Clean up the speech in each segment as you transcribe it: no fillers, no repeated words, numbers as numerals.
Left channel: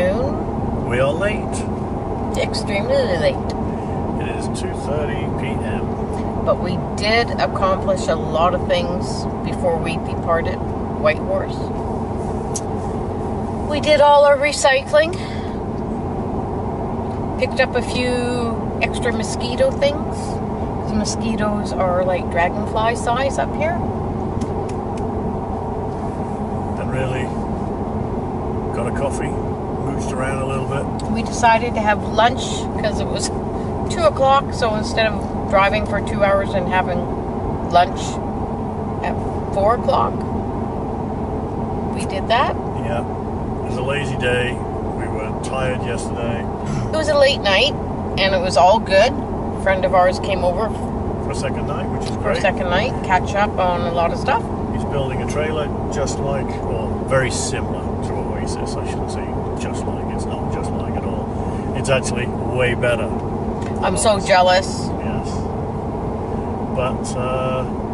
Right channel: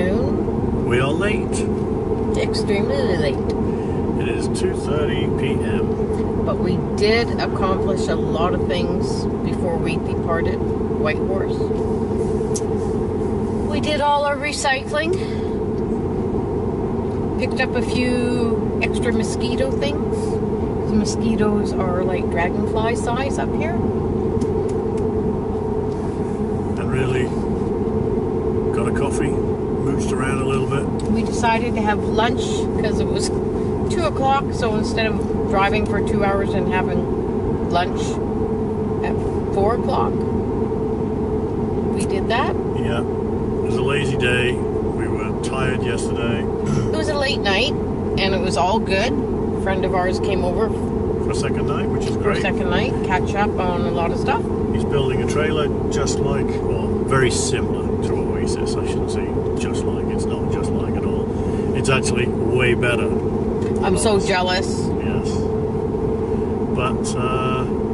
afternoon. We are late. Extremely late. It is 2:30 p.m. But we did accomplish a lot of things before we departed Whitehorse. We did all our recycling. Picked up a few extra mosquito things. The mosquitoes are like dragonfly size up here. And really got a coffee, mooched around a little bit. We decided to have lunch because it was 2 o'clock, so instead of driving for 2 hours and having lunch at 4 o'clock, we did that. Yeah, it was a lazy day. We were tired yesterday. It was a late night, and it was all good. A friend of ours came over For a second night, which is for great. a second night, catch up on a lot of stuff. He's building a trailer just like, or very similar to Oasis. I shouldn't say just like, it's not just like at all. It's actually way better. I'm so jealous. Yes. But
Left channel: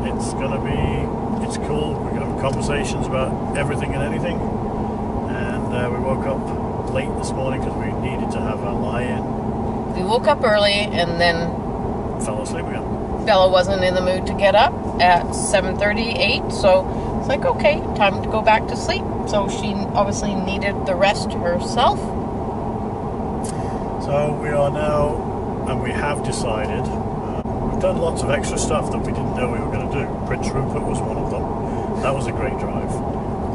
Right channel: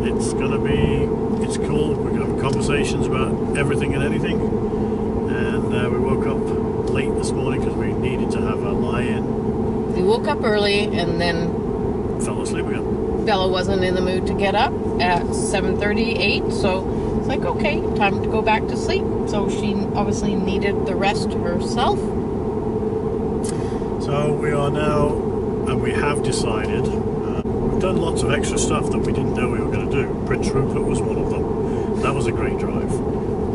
it's gonna be, it's cool. We're gonna have conversations about everything and anything. And we woke up late this morning because we needed to have a lie-in. We woke up early, and then Fell asleep again. Bella wasn't in the mood to get up at 7:38, so it's like, okay, time to go back to sleep. So she obviously needed the rest herself. So we are now, and we have decided, we've done lots of extra stuff that we didn't know we were going to do. Prince Rupert was one of them. That was a great drive.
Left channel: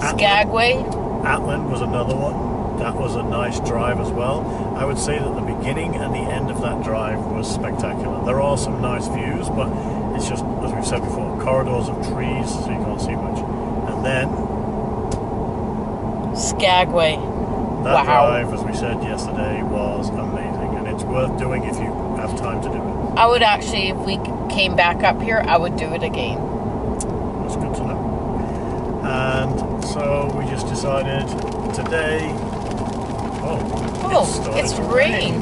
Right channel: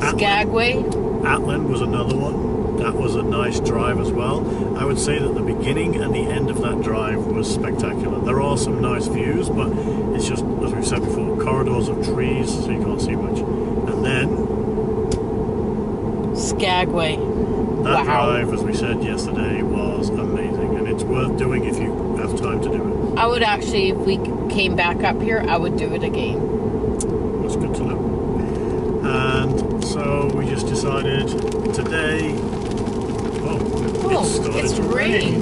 Skagway. Atlan was another one. That was a nice drive as well. I would say that the beginning and the end of that drive was spectacular. There are some nice views, but it's just, as we've said before, corridors of trees, so you can't see much. And then Skagway. that Wow. drive, as we said yesterday, was amazing, and it's worth doing if you have time to do it. I would actually, if we came back up here, I would do it again. That's good to know. And so we just decided today. Oh, it's rain.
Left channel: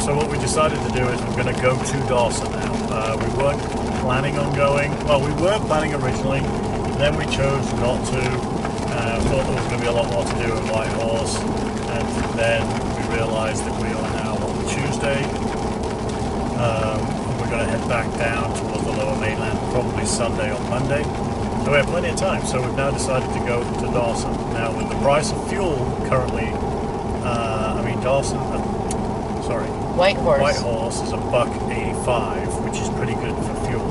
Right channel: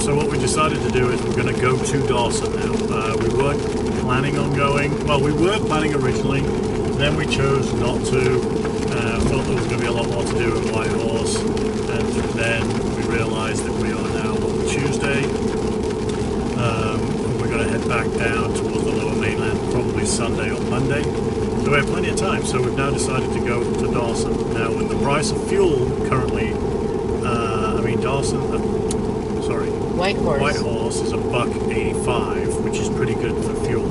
So what we decided to do is we're going to go to Dawson now. We weren't planning on going. Well, we were planning originally. Then we chose not to. Thought there was going to be a lot more to do with Whitehorse, and then we realised that we are now on Tuesday. We're going to head back down towards the Lower Mainland, probably Sunday or Monday. So we have plenty of time. So we've now decided to go to Dawson. Now, with the price of fuel currently, Dawson. Whitehorse is $1.85, which is pretty good for fuel.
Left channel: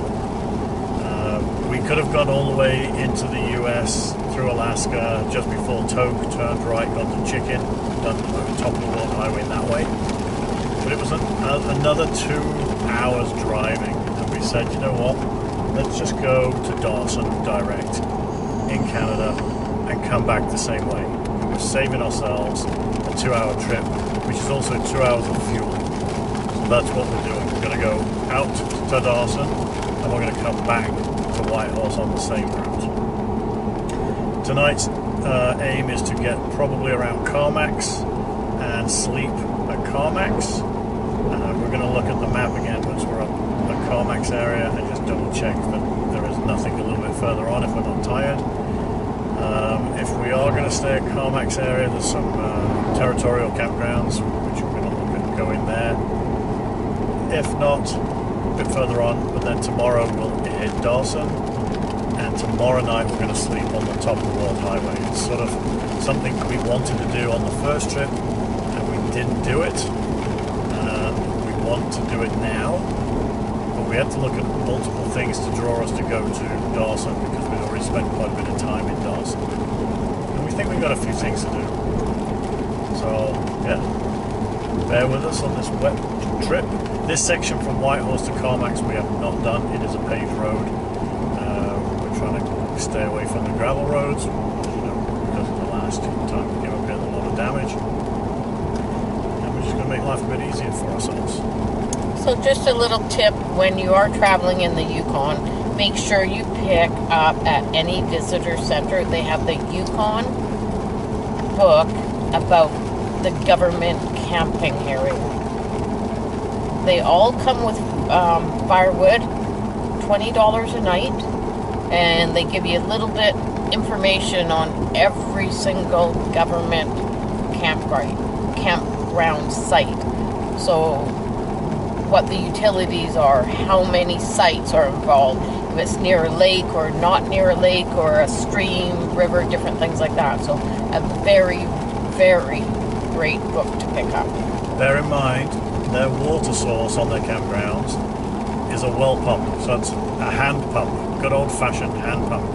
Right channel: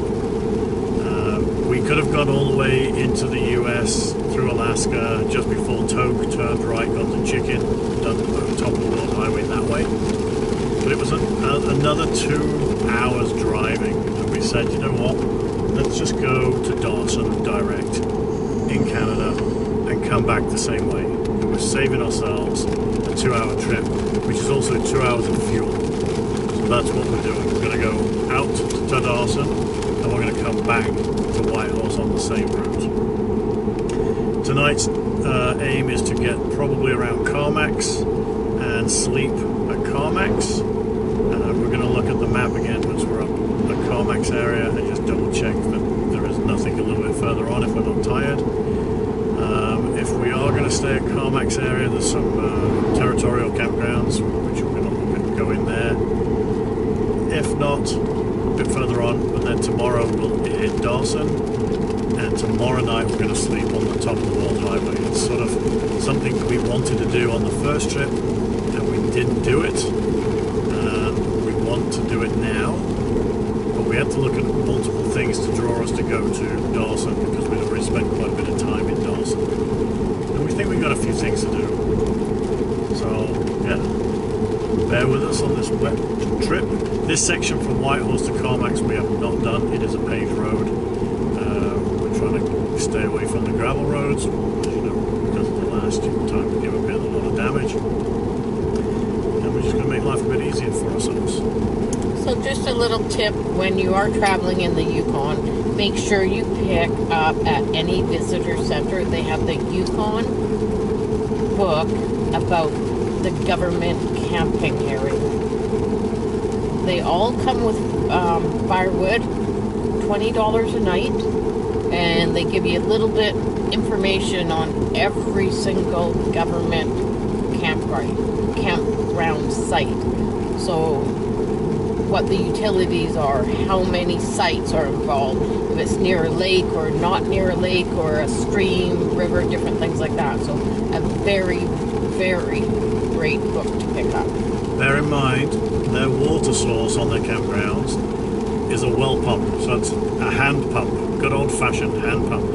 We could have gone all the way into the US through Alaska just before Toke, turned right, gone to Chicken, done the top of the World Highway that way. But it was another 2 hours driving, and we said, you know what, let's just go to Dawson direct in Canada and come back the same way. We were saving ourselves a 2-hour trip, which is also 2 hours of fuel. So that's what we're doing. We're going to go out to Dawson, and we're going to come back to Whitehorse on the same route. Tonight's aim is to get probably around Carmack's and sleep at Carmack's. We're going to look at the map again once we're up at Carmack's area and just double check that there is nothing a little bit further on if we're not tired. If we are going to stay at Carmack's area, there's some territorial campgrounds which we're going to look at, go in there. If not, a bit further on, but then tomorrow we'll hit Dawson, and tomorrow night we're going to sleep on the top of the World Highway. It's sort of something we wanted to do on the first trip, and we didn't do it. We want to do it now, but we had to look at multiple things to draw us to go to Dawson, because we'd already spent quite a bit of time in Dawson. And we think we've got a few things to do. So, yeah. Bear with us on this wet trip. This section from Whitehorse to Carmack's we have not done. It is a paved road. We're trying to stay away from the gravel roads, as you know, because of the last time we came up here, a lot of damage. And we're just going to make life a bit easier for ourselves. So just a little tip, when you are traveling in the Yukon, make sure you pick up at any visitor center. They have the Yukon book about the government camping area. They all come with firewood, $20 a night, and they give you a little bit information on every single government campground site. So what the utilities are, how many sites are involved, if it's near a lake or not near a lake or a stream, river, different things like that. So a very, very great book to pick up. Bear in mind, their water source on their campgrounds is a well pump. So it's a hand pump, good old-fashioned hand pump.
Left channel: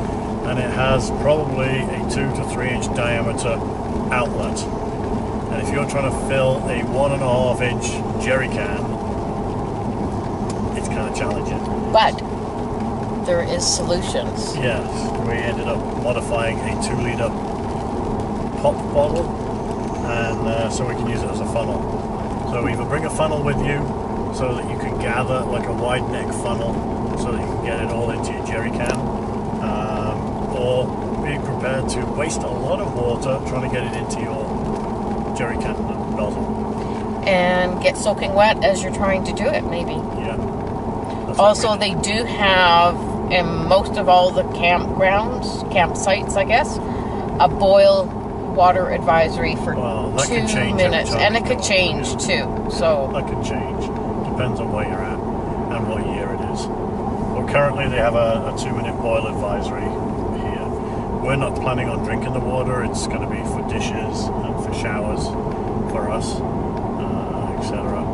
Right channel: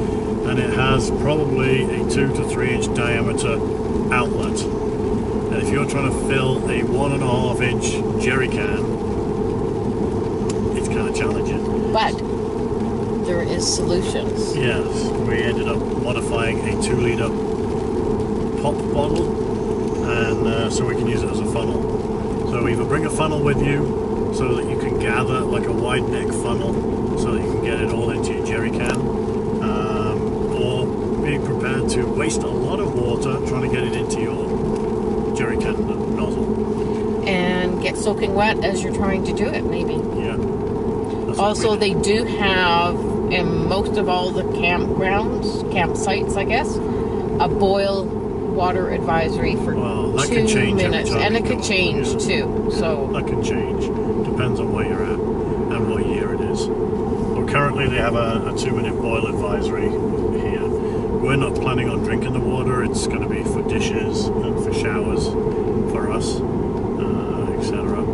And it has probably a 2 to 3 inch diameter outlet. And if you're trying to fill a 1.5 inch jerry can, it's kind of challenging. But there is solutions. Yes, we ended up modifying a 2-litre pop bottle, and so we can use it as a funnel. So either bring a funnel with you so that you can gather like a wide neck funnel so that you can get it all into your jerry can, or be prepared to waste a lot of water trying to get it into your jerry can nozzle. And get soaking wet as you're trying to do it, maybe. Yeah. Also, they do have, in most of all the campsites, I guess, a boil water advisory for 2 minutes. And it could change too. So that can change. Depends on where you're at and what year it is. Well, currently they have a 2-minute boil advisory here. We're not planning on drinking the water. It's going to be for dishes and for showers for us, etc.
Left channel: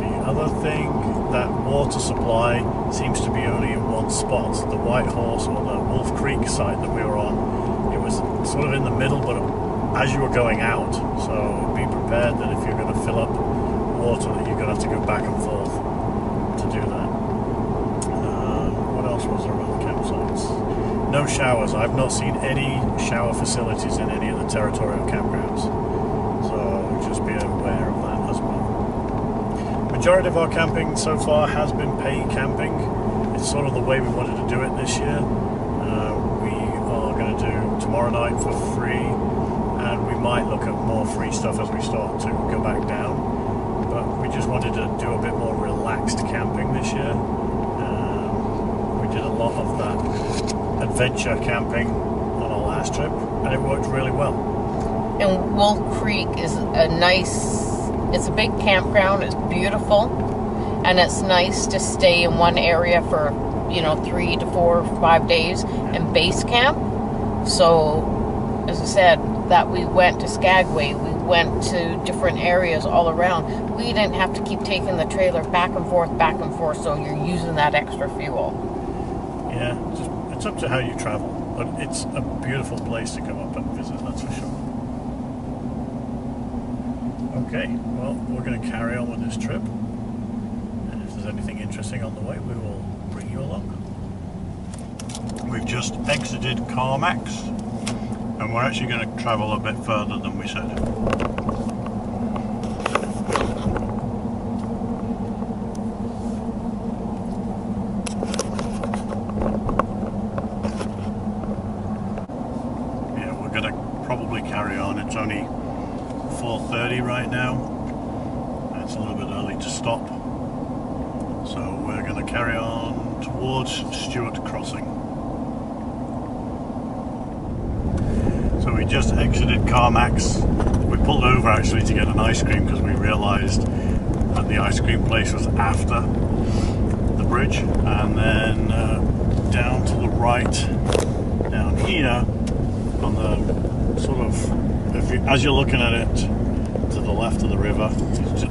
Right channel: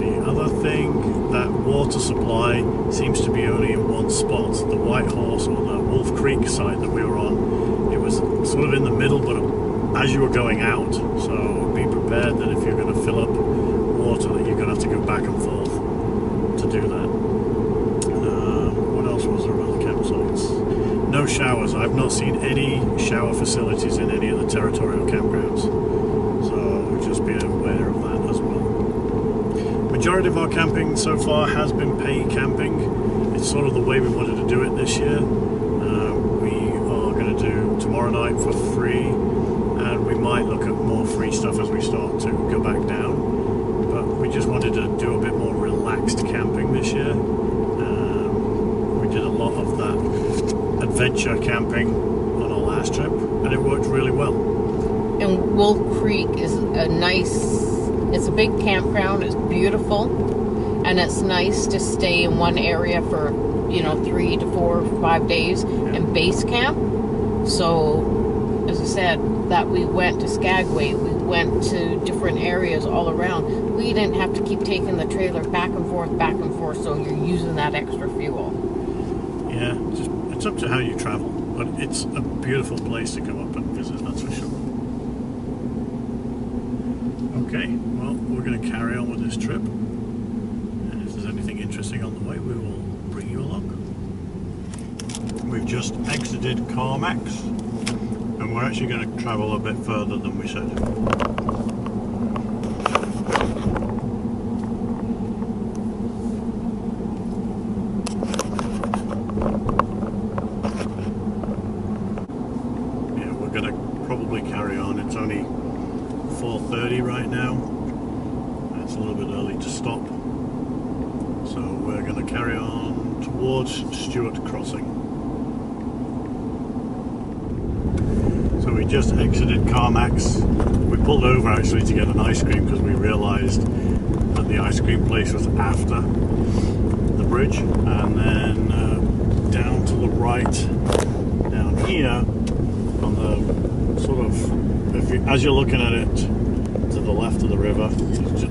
The other thing, that water supply seems to be only in one spot. The White Horse, or the Wolf Creek site that we were on, it was sort of in the middle, but as you were going out. So be prepared that if you're going to fill up water, that you're going to have to go back and forth to do that. What else was there about the campsites? No showers. I've not seen any shower facilities in any of the territorial campgrounds. So just be aware of that as well. Majority of our camping so far has been paid camping. It's sort of the way we wanted to do it this year. We are going to do tomorrow night for free, and we might look at more free stuff as we start to go back down. But we just wanted to do a bit more relaxed camping this year. We did a lot of that adventure camping on our last trip, and it worked really well. And Wolf Creek is it's a big campground, it's beautiful, and it's nice to stay in one area for, 3 to 4 or 5 days and base camp. So, as I said, that we went to Skagway, we went to different areas all around. We didn't have to keep taking the trailer back and forth, so you're using that extra fuel. Yeah, it's up to how you travel, but it's a beautiful place to come up and visit, that's for sure. Okay, well, we're going to carry on with this trip, and if there's anything interesting on the way, we will bring you along. We've just exited Carmax, and we're actually going to travel a bit further than we said. Yeah, we're going to probably carry on. It's only 4:30 right now. It's a little bit early to stop, so we're going to carry on towards Stewart Crossing. So we just exited Carmax. We pulled over actually to get an ice cream because we realized that the ice cream place was after the bridge, and then down to the right down here on the sort of, as you're looking at it to the left of the river,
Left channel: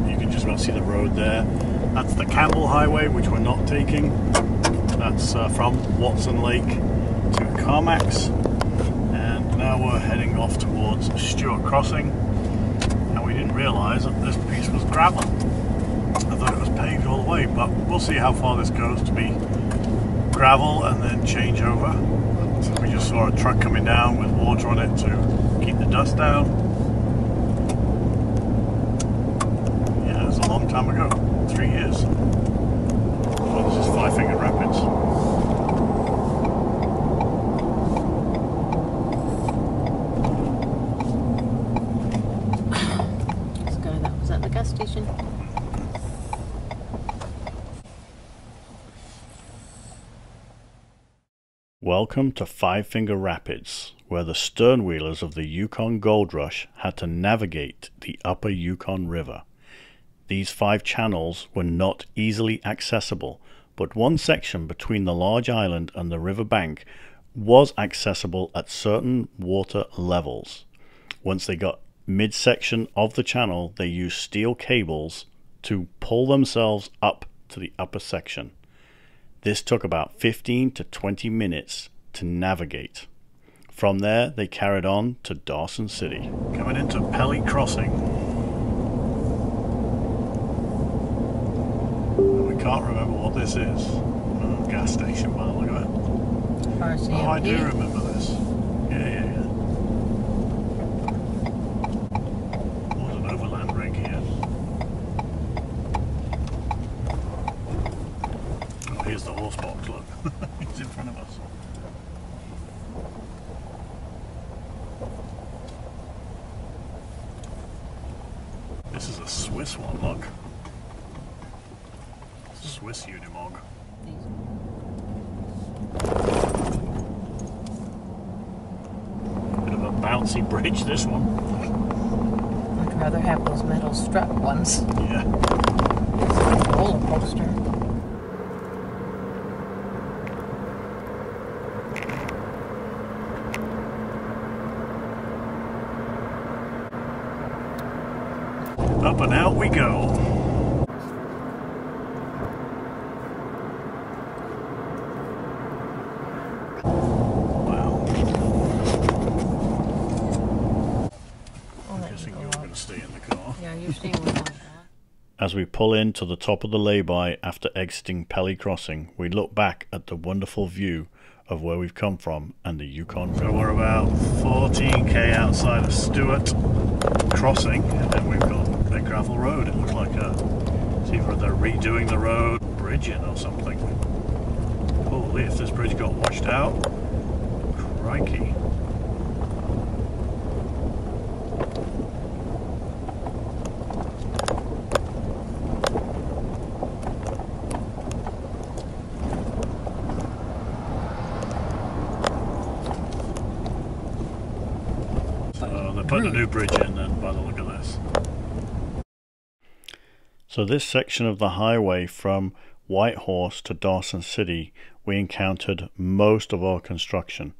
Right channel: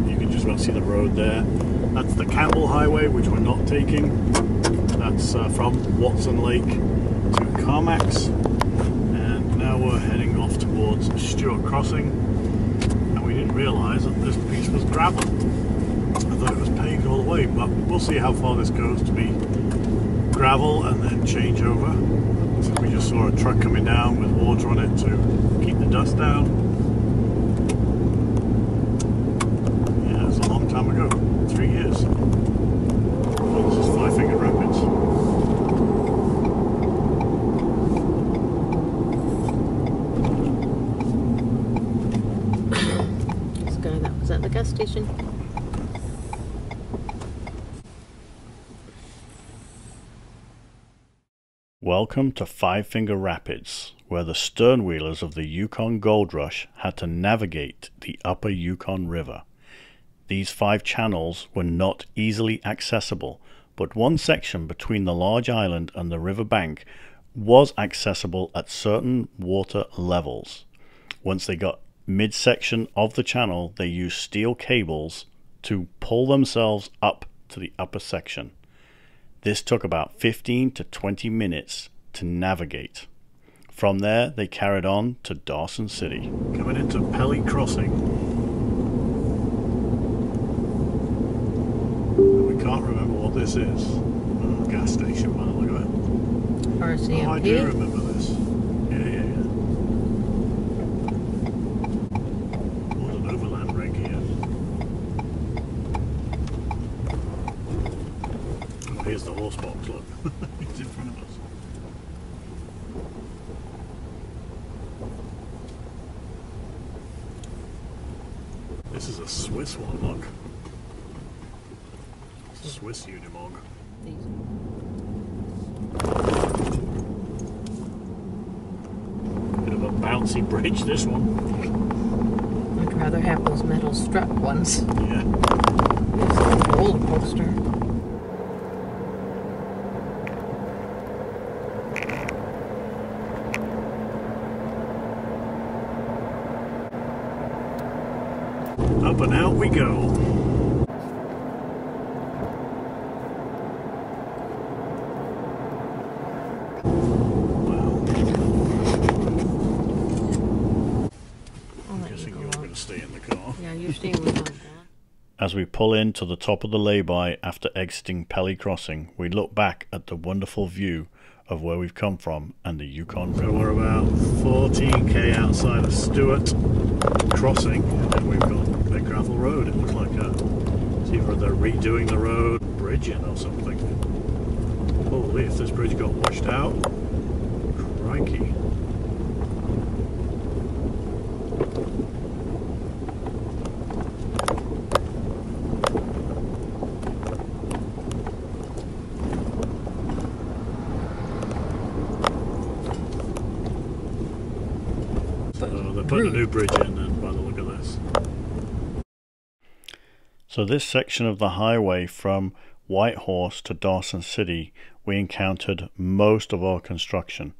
you can just about see the road there. That's the Campbell Highway, which we're not taking. That's from Watson Lake to Carmax, and now we're heading off towards Stewart Crossing, and we didn't realise that this piece was gravel. I thought it was paved all the way, but we'll see how far this goes to be gravel and then change over. We just saw a truck coming down with water on it to keep the dust down. Yeah, it's a long time ago, 3 years. Well, this is Five Finger Rapids. This guy that was at the gas station. Welcome to Five Finger Rapids, where the stern wheelers of the Yukon Gold Rush had to navigate the upper Yukon River. These 5 channels were not easily accessible, but one section between the large island and the river bank was accessible at certain water levels. Once they got midsection of the channel, they used steel cables to pull themselves up to the upper section. This took about 15 to 20 minutes to navigate. From there, they carried on to Dawson City. Coming into Pt8 Crossing. We can't remember what this is. Gas station by the look of it. RCMP. Oh, I do remember this. Yeah. There's an overland rig here. Oh, here's the horse box, look. It's in front of us. This is a Swiss one, look. Swiss Unimog. Bit of a bouncy bridge, this one. I'd rather have those metal strut ones. Yeah. It's a roller coaster. Up and out we go. Wow. I'm guessing you're going to stay in the car. Yeah, you're staying with like that. As we pull in to the top of the lay-by after exiting Pt8 Crossing, we look back at the wonderful view of where we've come from and the Yukon River. So we're about 14k outside of Stewart Crossing, and we've got a gravel road. It looks like it's either they're redoing the road, bridging or something. Holy, if this bridge got washed out, crikey. So they're putting a new bridge in then, by the look of this. So this section of the highway from Whitehorse to Dawson City, we encountered most of our construction.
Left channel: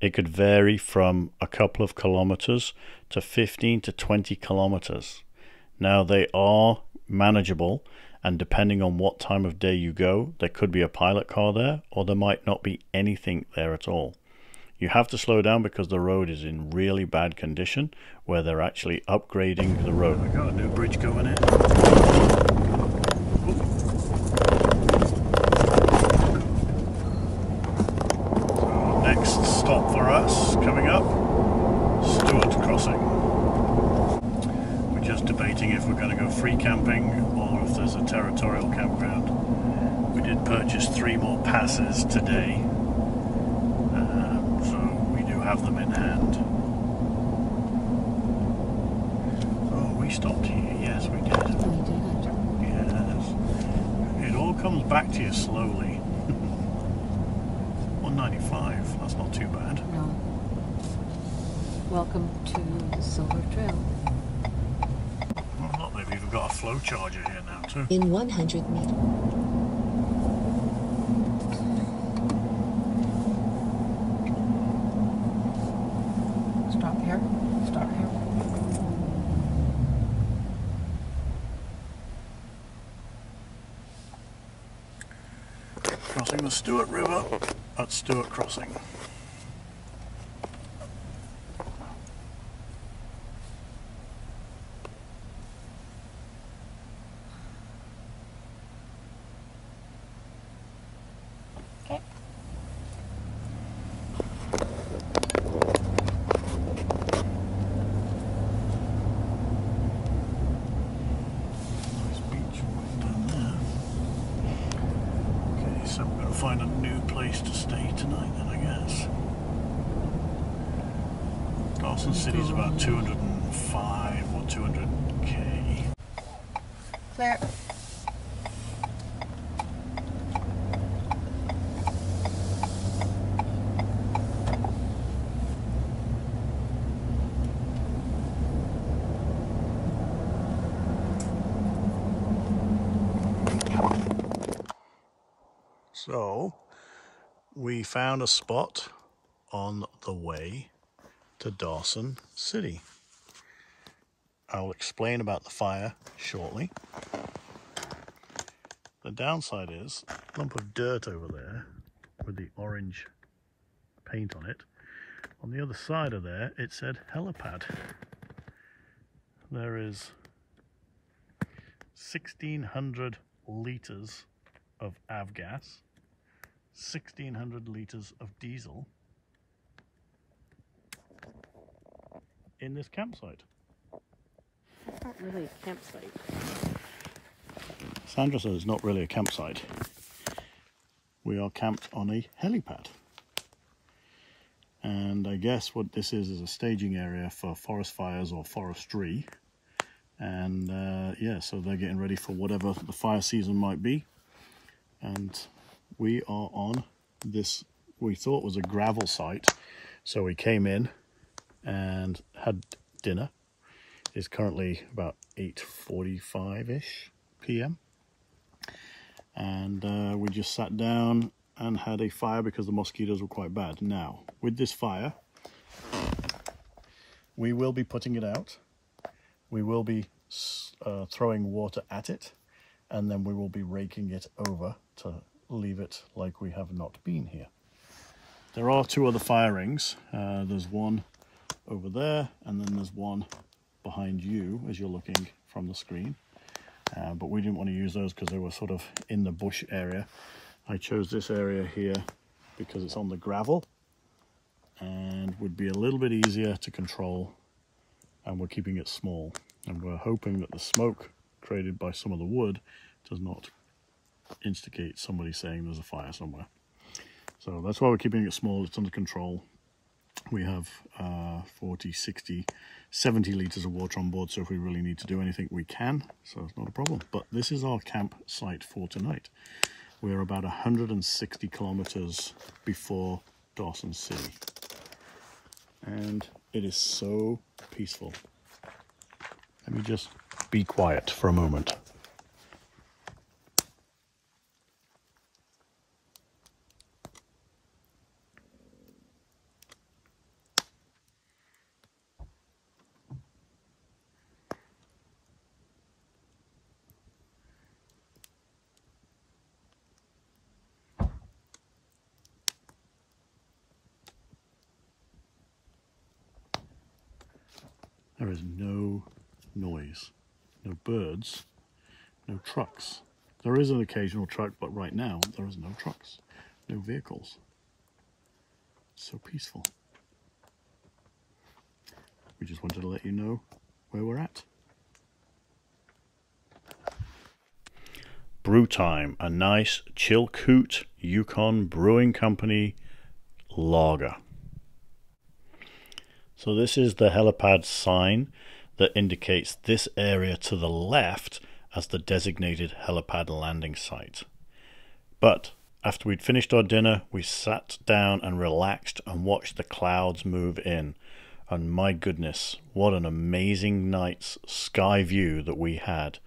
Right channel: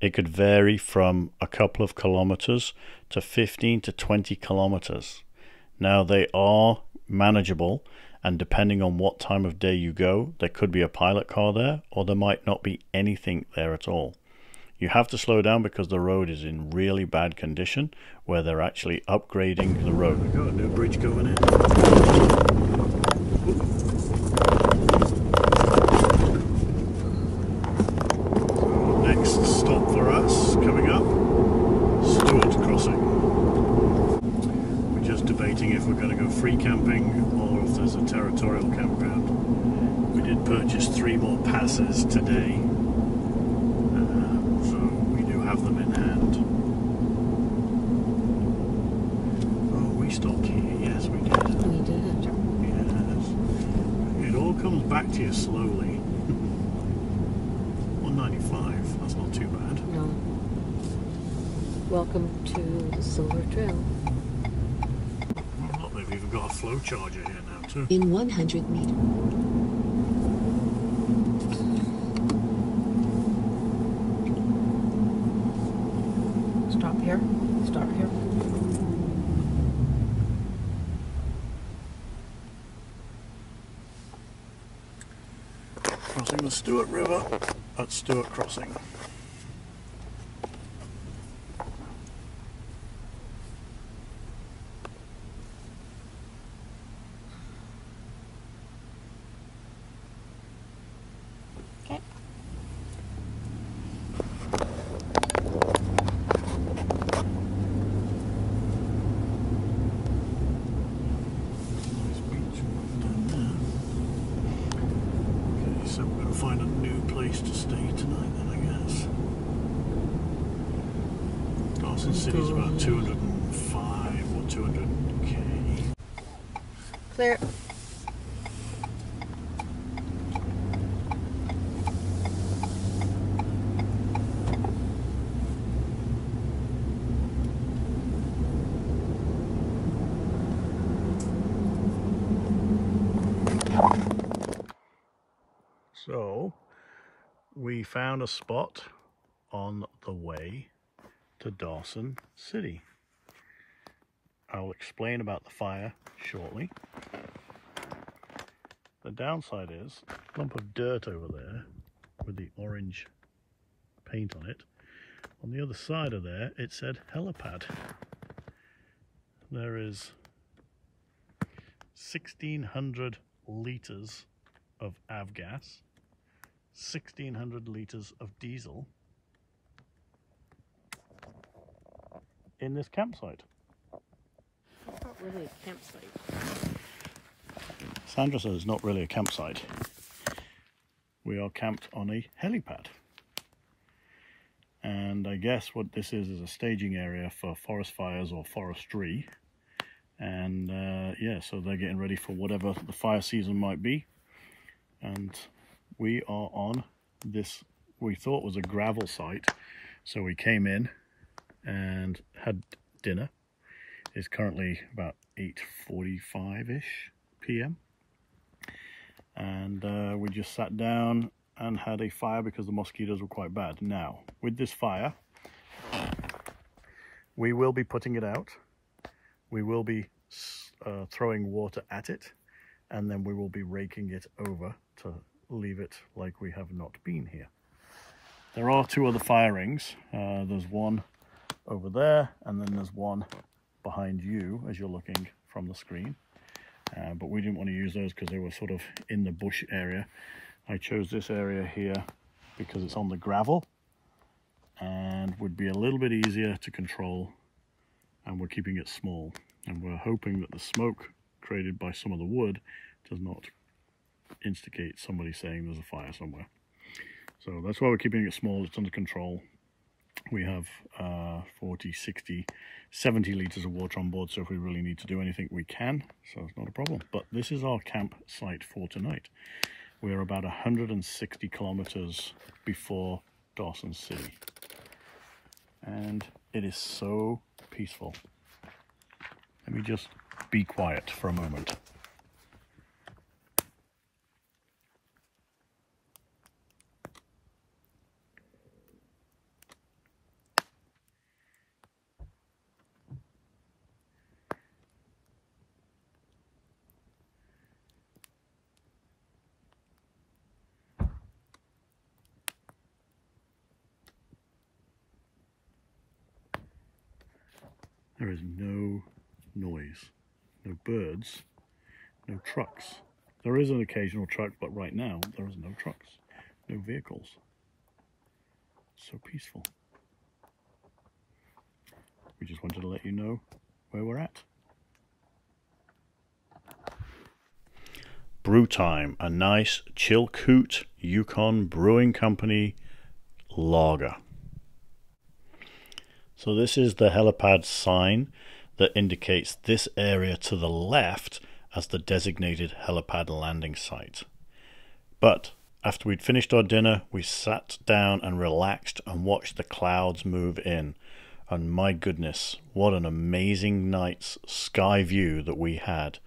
It could vary from a couple of kilometers to 15 to 20 kilometers. Now they are manageable, and depending on what time of day you go, there could be a pilot car there, or there might not be anything there at all. You have to slow down because the road is in really bad condition, where they're actually upgrading the road. We've got a new bridge going in. So next stop for us, coming up, Stewart Crossing. We're just debating if we're going to go free camping or if there's a territorial campground. We did purchase 3 more passes today. Have them in hand. Oh, we stopped here. Yes, we did. We did. Yes. It all comes back to you slowly. 195. That's not too bad. No. Welcome to the Silver Trail. Oh, look, they've even got a flow charger here now too. In 100 meters. Stop here. Stop here. Crossing the Stewart River at Stewart Crossing. Okay. So we're going to find a new place to stay tonight then, I guess. Dawson City's about 205 or 200k. Clear. So we found a spot on the way to Dawson City. I'll explain about the fire shortly. The downside is a lump of dirt over there with the orange paint on it. On the other side of there, it said helipad. There is 1,600 litres of avgas, 1,600 litres of diesel in this campsite. It's not really a campsite. Sandra says it's not really a campsite. We are camped on a helipad. And I guess what this is a staging area for forest fires or forestry. And yeah, so they're getting ready for whatever the fire season might be. And we are on this, we thought was a gravel site. So we came in and had dinner. It's currently about 8:45-ish p.m. And we just sat down and had a fire because the mosquitoes were quite bad. Now, with this fire, we will be putting it out. We will be throwing water at it, and then we will be raking it over to leave it like we have not been here. There are two other fire rings. There's one over there, and then there's one behind you as you're looking from the screen. But we didn't want to use those because they were sort of in the bush area. I chose this area here because it's on the gravel and would be a little bit easier to control, and we're keeping it small. And we're hoping that the smoke created by some of the wood does not instigate somebody saying there's a fire somewhere. So that's why we're keeping it small. It's under control. We have 40, 60, 70 litres of water on board, so if we really need to do anything, we can. So it's not a problem. But this is our campsite for tonight. We're about 160 kilometers before Dawson City. And it is so peaceful. Let me just be quiet for a moment. There is no noise, no birds, no trucks. There is an occasional truck, but right now there is no trucks, no vehicles. It's so peaceful. We just wanted to let you know where we're at. Brew time, a nice Chilkoot Yukon Brewing Company lager. So this is the helipad sign that indicates this area to the left as the designated helipad landing site. But after we'd finished our dinner, we sat down and relaxed and watched the clouds move in. And my goodness, what an amazing night's sky view that we had.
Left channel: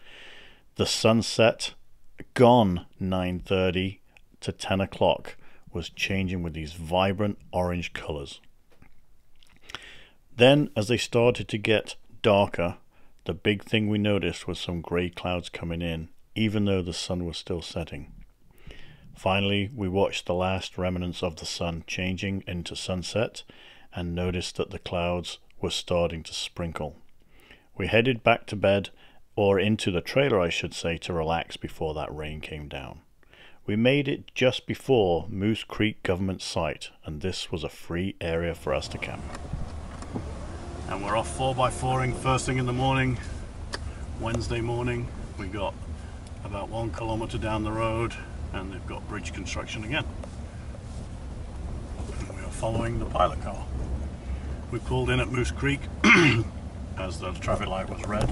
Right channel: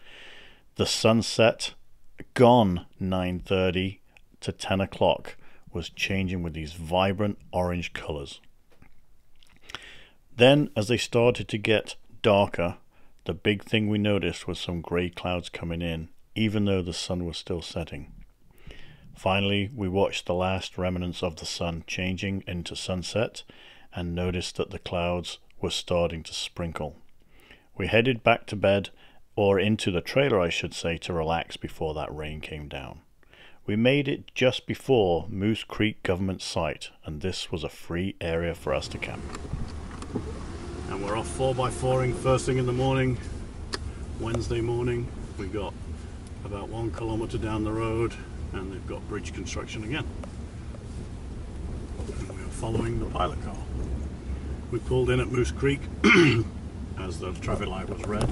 The sunset, gone 9:30 to 10 o'clock, was changing with these vibrant orange colors. Then, as they started to get darker, the big thing we noticed was some grey clouds coming in, even though the sun was still setting. Finally, we watched the last remnants of the sun changing into sunset and noticed that the clouds were starting to sprinkle. We headed back to bed, or into the trailer I should say, to relax before that rain came down. We made it just before Moose Creek government site, and this was a free area for us to camp. And we're off 4x4ing first thing in the morning, Wednesday morning. We got about 1 kilometer down the road and they've got bridge construction again. And we are following the pilot car. We pulled in at Moose Creek as the traffic light was red.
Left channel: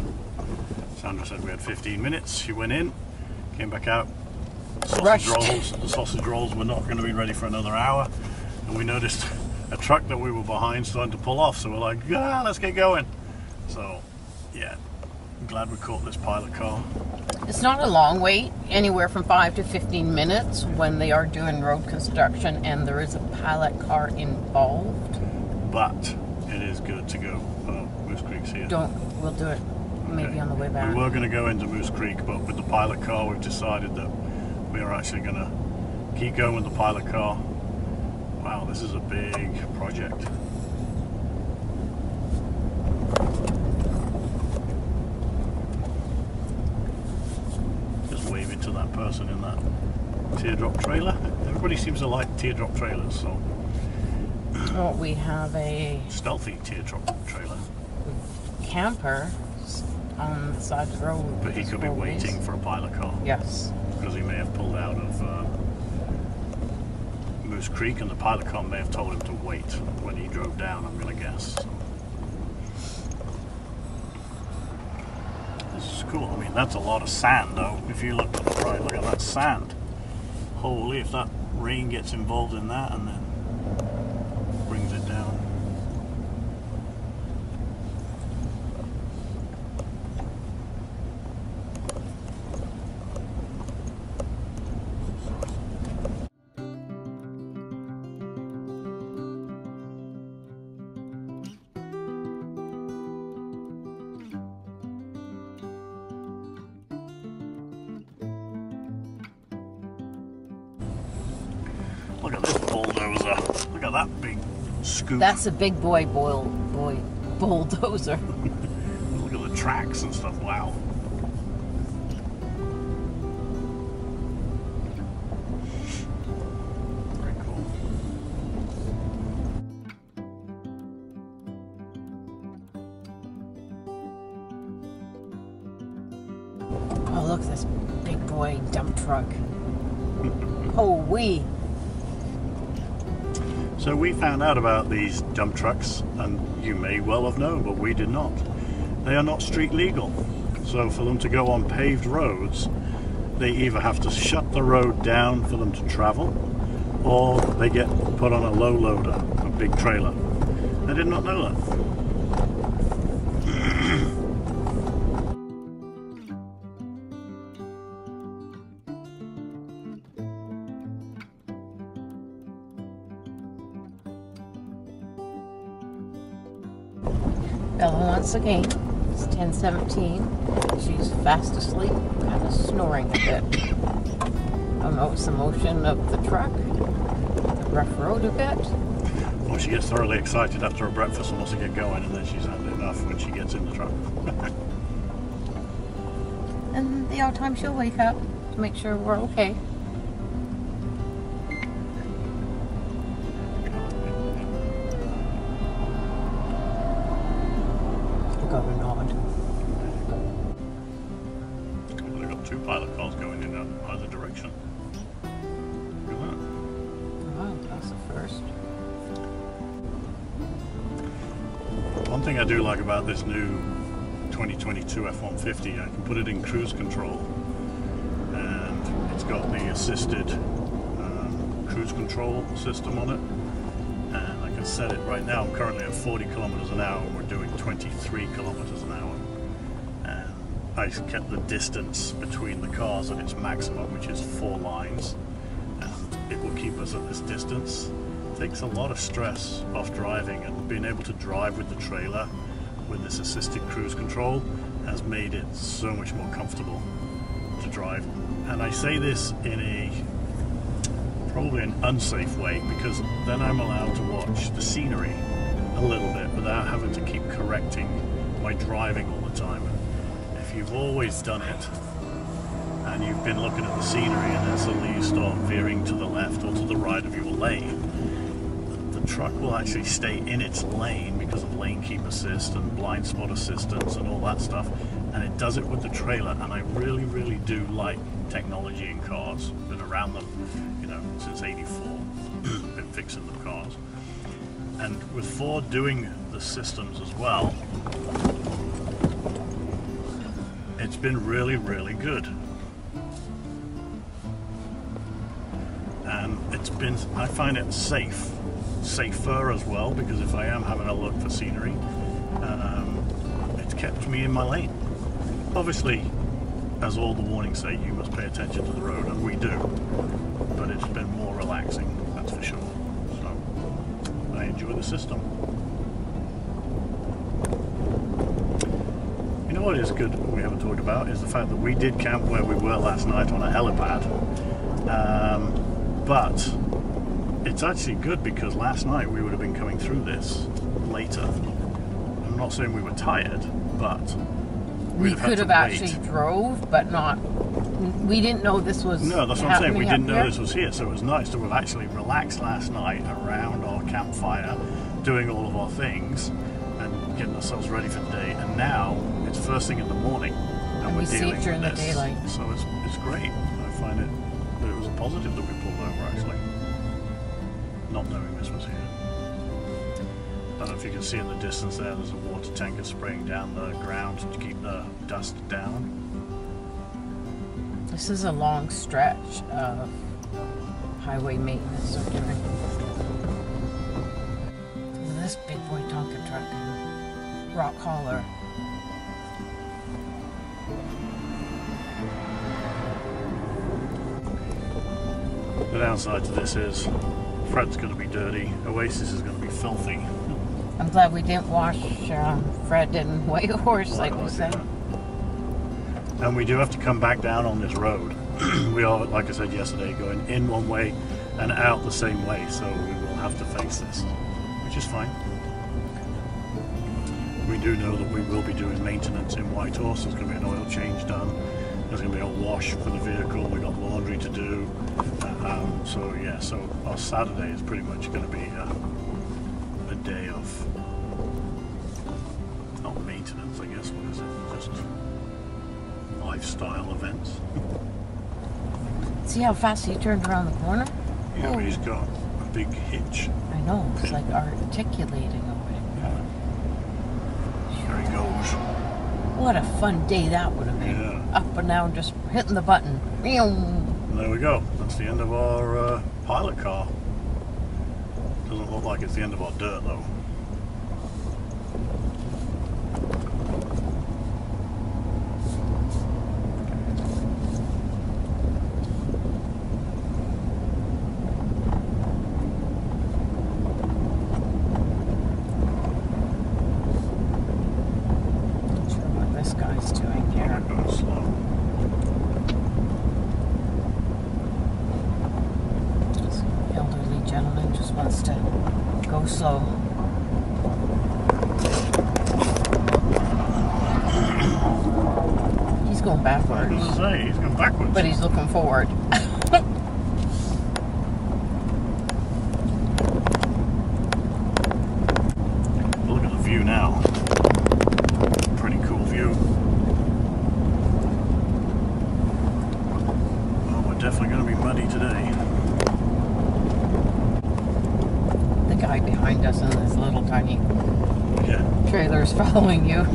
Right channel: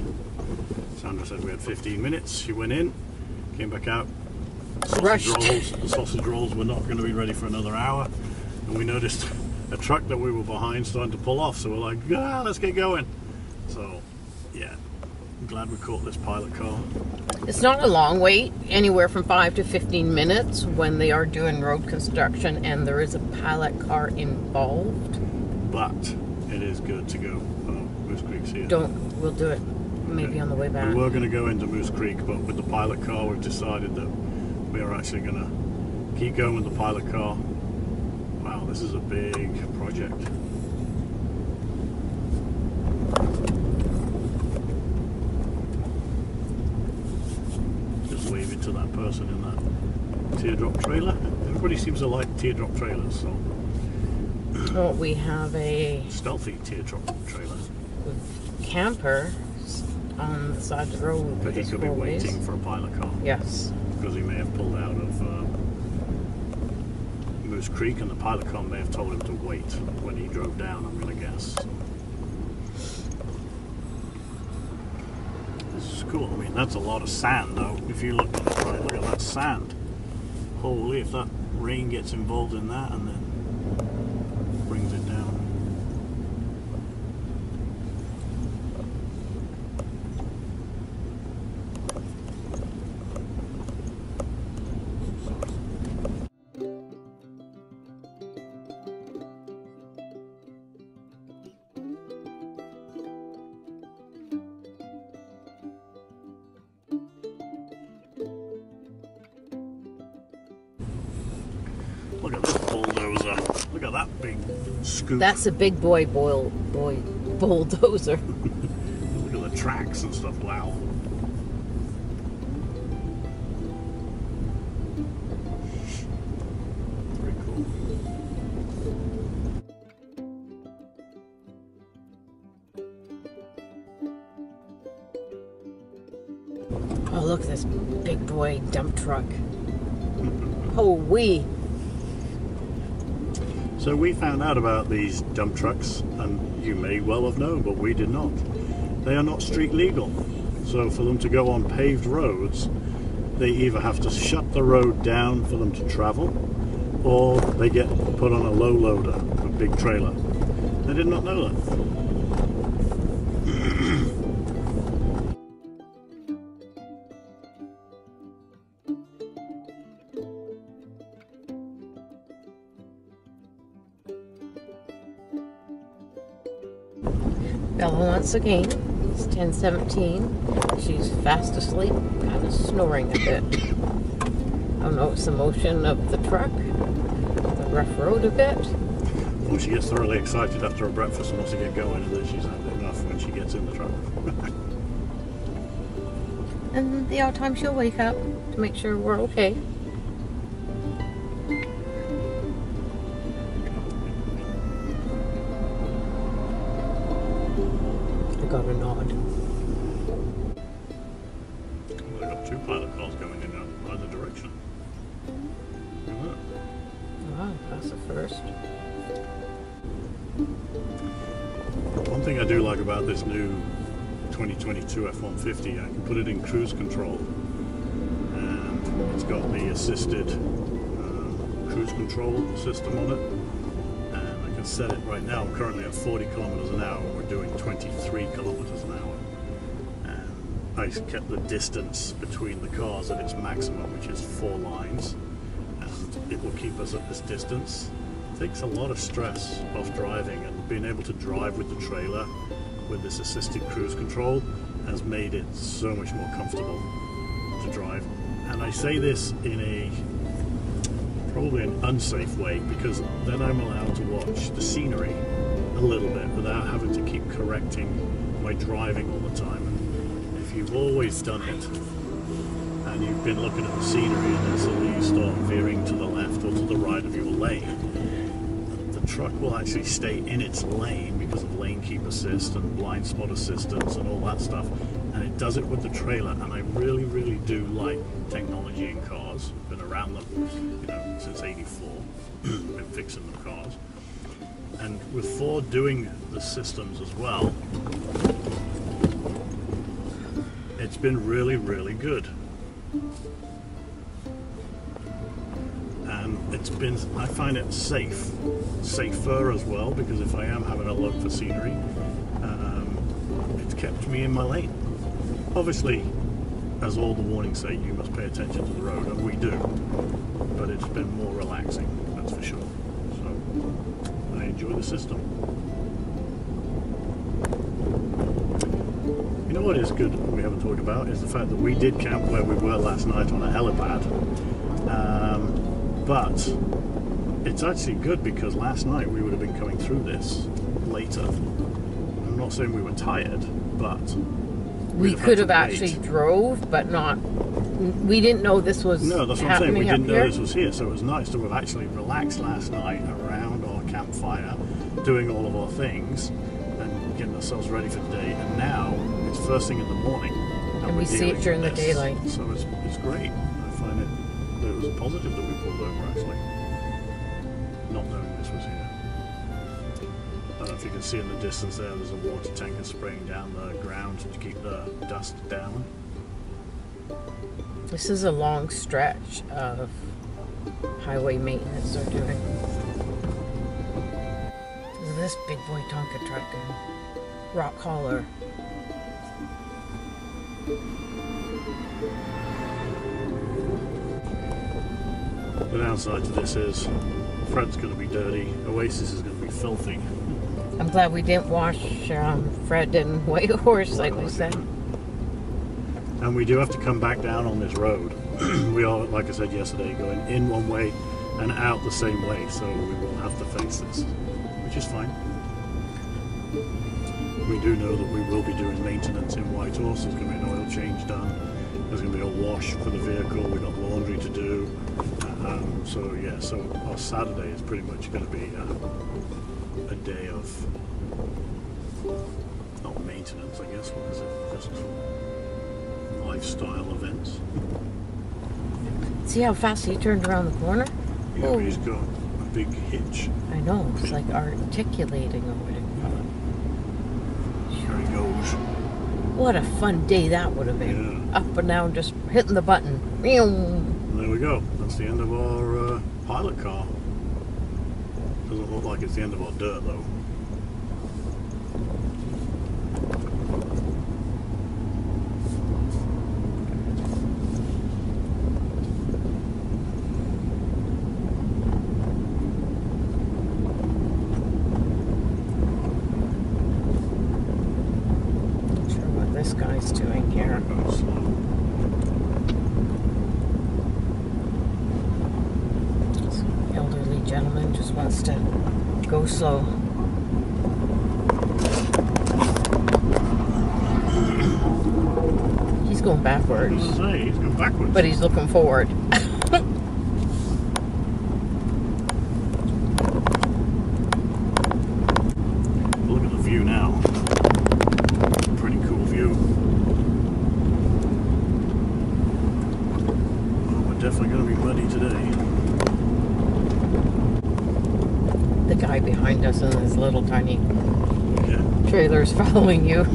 Sandra said we had 15 minutes. She went in, came back out. The sausage rolls were not going to be ready for another hour. And we noticed a truck that we were behind starting to pull off, so we're like, let's get going. So yeah, I'm glad we caught this pilot car. It's not a long wait, anywhere from 5 to 15 minutes when they are doing road construction and there is a pilot car involved. But it is good to go. Oh, Moose Creek's here. We'll do it maybe on the way back. We were going to go into Moose Creek, but with the pilot car, we've decided that we are actually going to keep going with the pilot car. Wow, this is a big project. Just waving to that person in that teardrop trailer. Everybody seems to like teardrop trailers, so. Oh, we have a Stealthy teardrop trailer. camper on the side of the road. But he could be waiting for a pilot car. Yes. Because he may have pulled out of Moose Creek, and the pilot car may have told him to wait when he drove down, I'm going to guess. So. This is cool. I mean, that's a lot of sand, though. If you look at that sand. Holy, if that rain gets involved in that and then brings it down. Look at this bulldozer. Look at that big scoop. That's a big boy bulldozer. Look at the tracks and stuff. Wow. Very cool. Oh, look, this big boy dump truck. Oh, wee. So we found out about these dump trucks, and you may well have known, but we did not. They are not street legal. So for them to go on paved roads, they either have to shut the road down for them to travel, or they get put on a low loader, a big trailer. I did not know that. Bella once again. It's 10:17. She's fast asleep, kind of snoring a bit. I don't know, it's the motion of the truck, the rough road a bit. Well, she gets thoroughly excited after her breakfast and wants to get going, and then she's had enough when she gets in the truck. And the odd time she'll wake up to make sure we're okay. Got a nod. We've got two pilot cars going in either direction. Look at Wow, that's the first. that. One thing I do like about this new 2022 F-150, I can put it in cruise control, and it's got the assisted cruise control system on it. And I can set it right now. I'm currently at 40 kilometers an hour. We're doing 23 kilometers an hour. And I kept the distance between the cars at its maximum, which is 4 lines. And it will keep us at this distance. It takes a lot of stress off driving, and being able to drive with the trailer with this assisted cruise control has made it so much more comfortable to drive. And I say this in probably an unsafe way, because then I'm allowed to watch the scenery a little bit without having to keep correcting my driving all the time. If you've always done it and you've been looking at the scenery and then suddenly you start veering to the left or to the right of your lane, the truck will actually stay in its lane because of lane keep assist and blind spot assistance and all that stuff, and it does it with the trailer. And I really, really do like technology in cars. Been around them, since '84. Been fixing the cars, and with Ford doing the systems as well, it's been really, really good. And I find it safer as well, because if I am having a look for scenery, it's kept me in my lane. Obviously, as all the warnings say, you must pay attention to the road, and we do. But it's been more relaxing, that's for sure. So I enjoy the system. You know what is good we haven't talked about is the fact that we did camp where we were last night on a helipad. But it's actually good because last night we would have been coming through this later. I'm not saying we were tired, but we could have actually drove, but not. We didn't know this was. No, that's what I'm saying. We didn't know here. this was here, so it was nice to have actually relaxed last night around our campfire, doing all of our things and getting ourselves ready for the day. And now it's first thing in the morning, and we see it during the daylight. So it's great. I find it was a positive that we pulled over actually, not knowing this was here. I don't know if you can see in the distance there's a water tanker spraying down the ground to keep the dust down. This is a long stretch of highway maintenance they're doing. This big boy Tonka truck and rock hauler. The downside to this is Fred's going to be dirty, Oasis is going to be filthy. I'm glad we didn't wash Fred and White Horse like we said. And we do have to come back down on this road. We are, like I said yesterday, going in one way and out the same way, so we will have to face this, which is fine. We do know that we will be doing maintenance in White Horse. There's going to be an oil change done. There's going to be a wash for the vehicle. We've got laundry to do. So yeah, so our Saturday is pretty much going to be a day of not maintenance, I guess. What is it? Just lifestyle events. See how fast he turned around the corner? Yeah, but he's got a big hitch. I know, it's like articulating or whatever. There he goes. What a fun day that would have been. Yeah. Up and down, just hitting the button. And there we go. That's the end of our pilot car. Doesn't look like it's the end of our dirt though. This guy's doing here. Going slow. This elderly gentleman just wants to go slow. He's going backwards. I was going to say, he's going backwards. But he's looking forward. Look at the view now. Pretty cool view. Well, we're definitely going to be muddy today. The guy behind us in his little tiny Yeah. trailer is following you.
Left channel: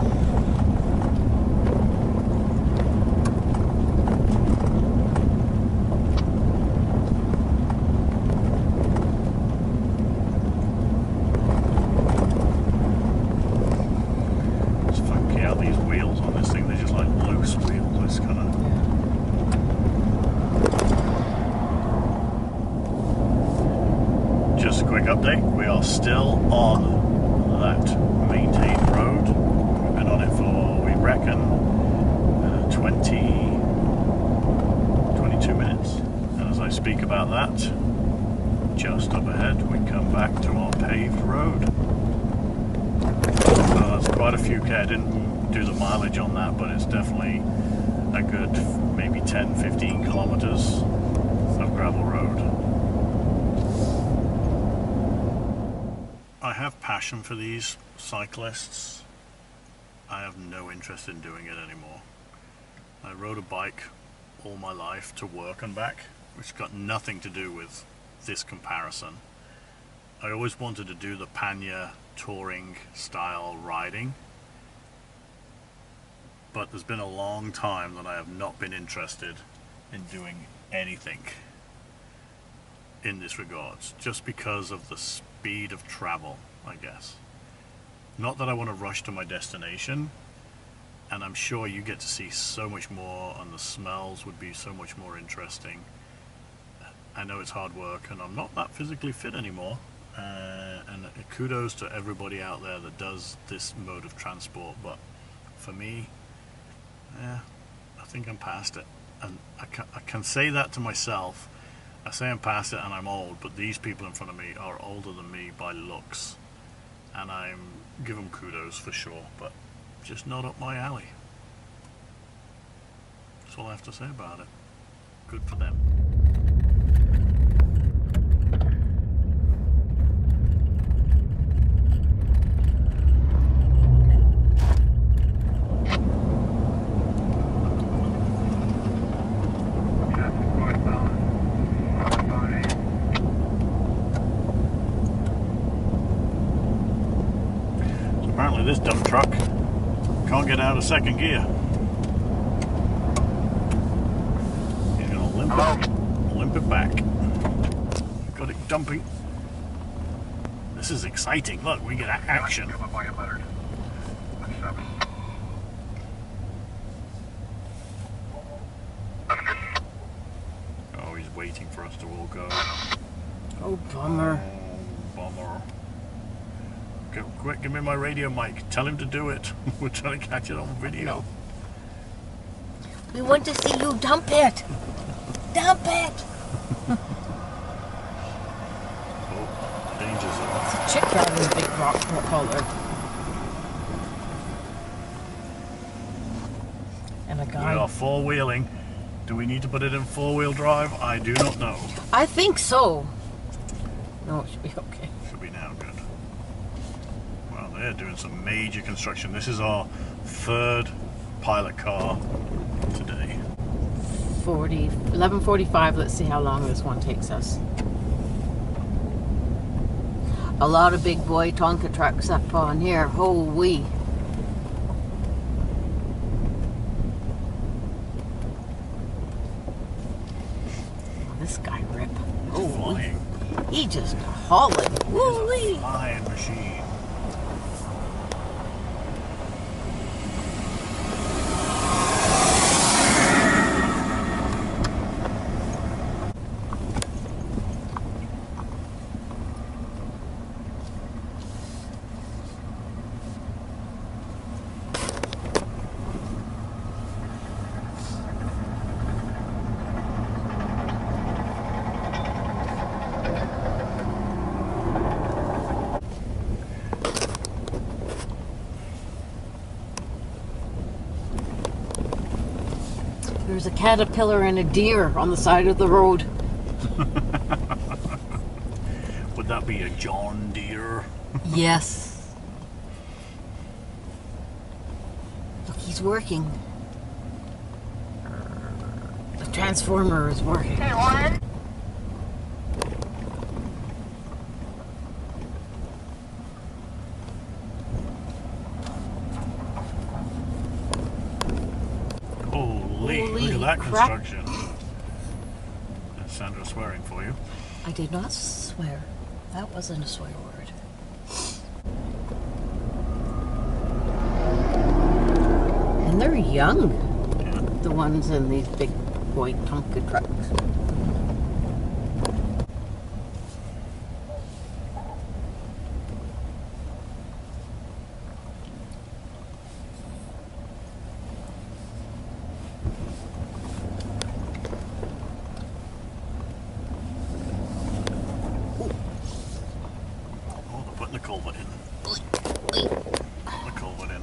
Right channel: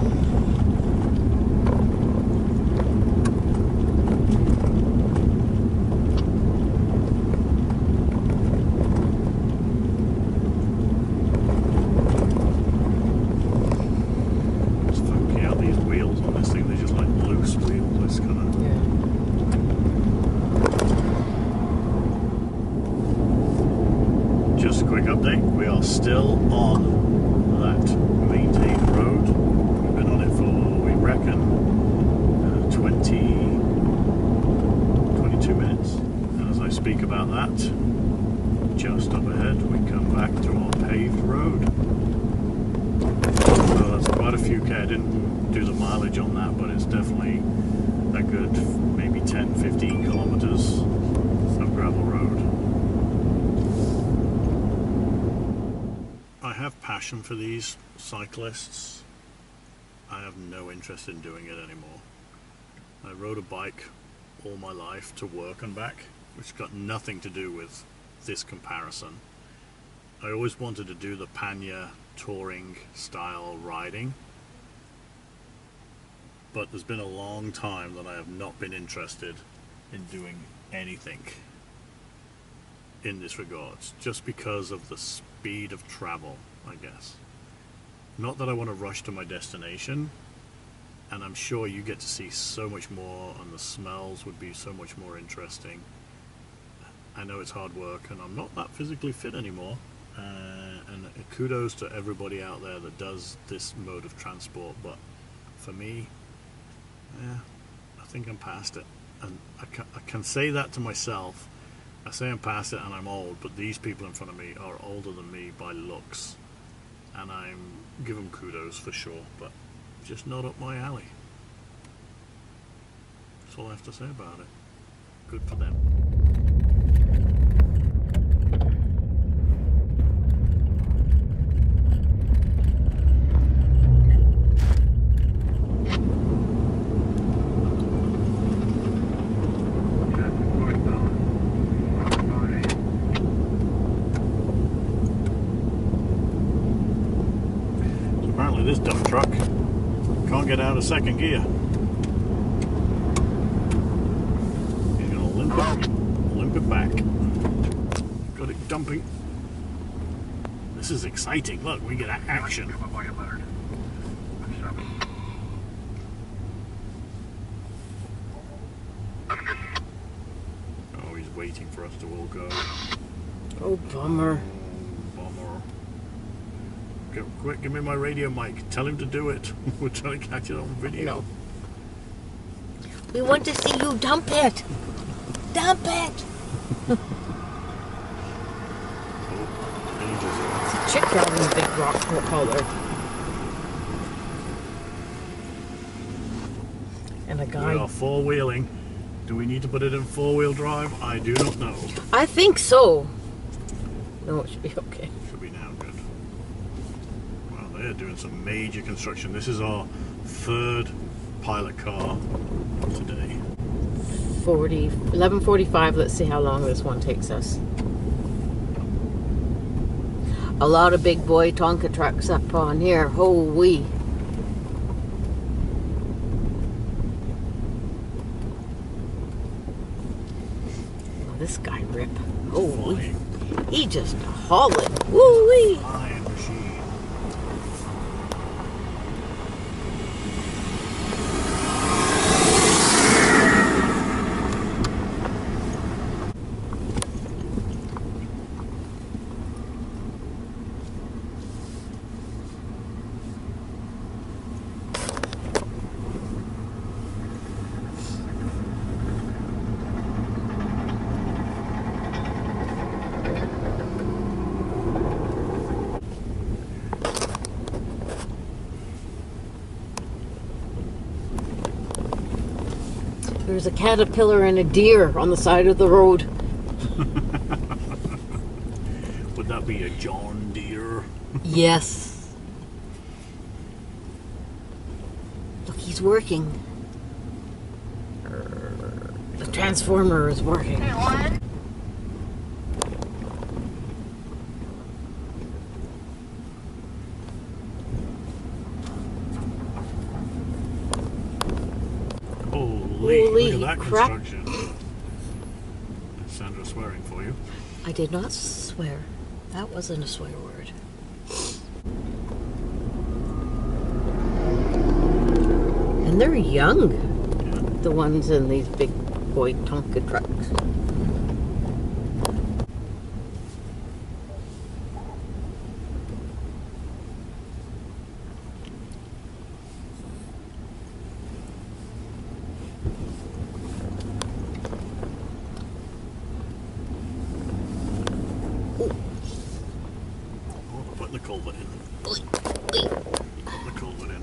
It's funky how these wheels on this thing, they're just like loose wheels. It's kind of... Yeah. Just a quick update. We are still on that maintained road. We've been on it for, we reckon, 22 minutes. And as I speak about that, just up ahead, we come back to our paved road. So that's quite a few K. I didn't do the mileage on that, but it's definitely a good maybe 10-15 kilometers of gravel road. I have passion for these cyclists. I have no interest in doing it anymore. I rode a bike all my life to work and back, which got nothing to do with this comparison. I always wanted to do the Panya touring style riding, but there's been a long time that I have not been interested in doing anything in this regards, just because of the speed of travel, I guess. Not that I want to rush to my destination, and I'm sure you get to see so much more, and the smells would be so much more interesting. I know it's hard work, and I'm not that physically fit anymore, and kudos to everybody out there that does this mode of transport, but for me, I think I'm past it. And I can say that to myself. I say I'm past it and I'm old, but these people in front of me are older than me by looks, and I'm give them kudos for sure, but just not up my alley. That's all I have to say about it. Good for them. This dump truck can't get out of second gear. You're gonna limp it back. Got it dumping. This is exciting. Look, we get action. Oh, he's waiting for us to all go. Oh, bummer. Oh, bummer. Quick, give me my radio mic. Tell him to do it. We're trying to catch it on video. No. We want to see you dump it. Dump it. Oh, danger zone. It's a chick driving a big rock hauler. And a guy. We are four-wheeling. Do we need to put it in four-wheel drive? I do not know. I think so. No, it should be okay. Should be now. Good. Well, they're doing some major construction. This is our third pilot car today. 11:45. Let's see how long this one takes us. A lot of big boy Tonka trucks up on here. Holy. This guy rip. Oh, he just hauling. Woo-wee. Flying machine. There's a caterpillar and a deer on the side of the road. Would that be a John Deere? Yes. Look, he's working. The transformer is working. Holy, look at that construction. That's Sandra swearing for you. I did not swear. That wasn't a swear word. And they're young. Yeah. The ones in these big boy Tonka trucks. The culvert in. Put the culvert in.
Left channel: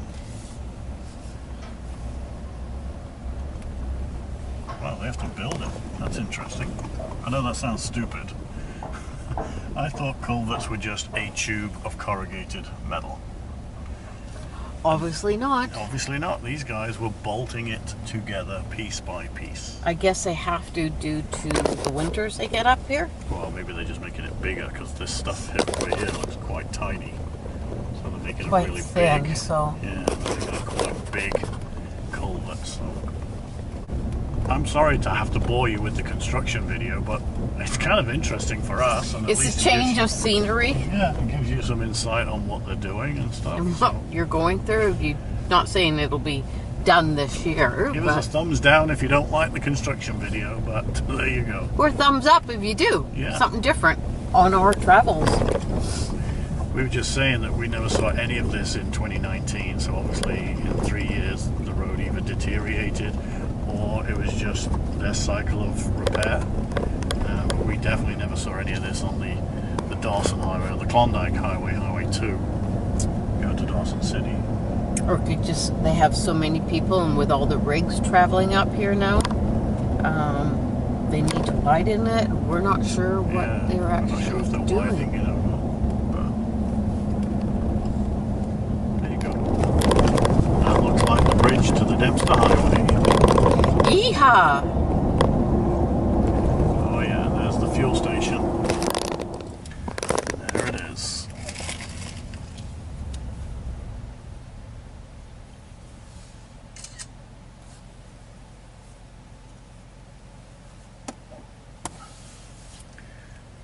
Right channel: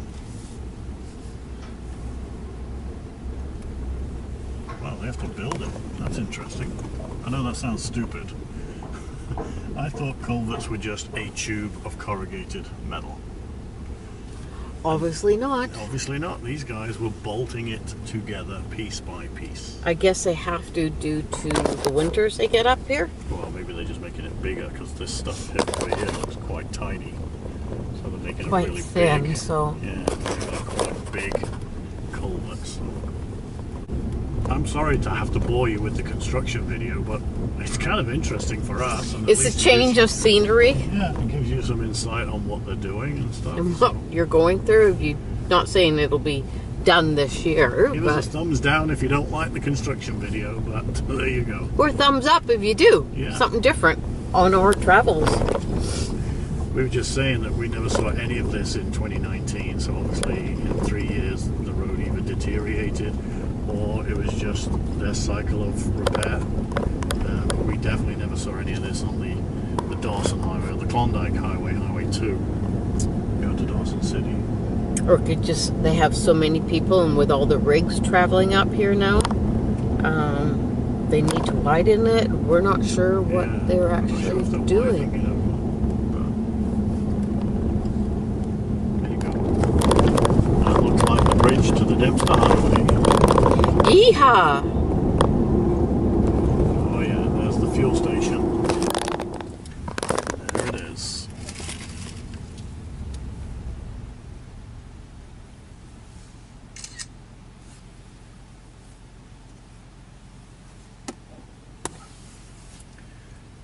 Wow, they have to build it. That's interesting. I know that sounds stupid. I thought culverts were just a tube of corrugated metal. Obviously not. Obviously not. These guys were bolting it together piece by piece. I guess they have to due to the winters they get up here. Well, maybe they're just making it bigger because this stuff over here looks quite tiny. So they're making Quite it really thin, big. so. Yeah, they're making a quite big culvert. So I'm sorry to have to bore you with the construction video, but it's kind of interesting for us. And It's a change of scenery. Yeah, it gives you some insight on what they're doing and stuff. So. You're going through. You're not saying it'll be done this year. Give us a thumbs down if you don't like the construction video, but there you go. Or thumbs up if you do. Yeah. Something different on our travels. We were just saying that we never saw any of this in 2019, so obviously in 3 years the road either deteriorated or it was just their cycle of repair. But we definitely never saw any of this on the Dawson Highway or the Klondike Highway, Highway 2, going to Dawson City. Or could just, they have so many people, and with all the rigs traveling up here now, they need to widen it. We're not sure what they're actually doing. Widening, there you go. That looks like the bridge to the Dempster Highway. Yeehaw! Oh yeah, there's the fuel station. There it is.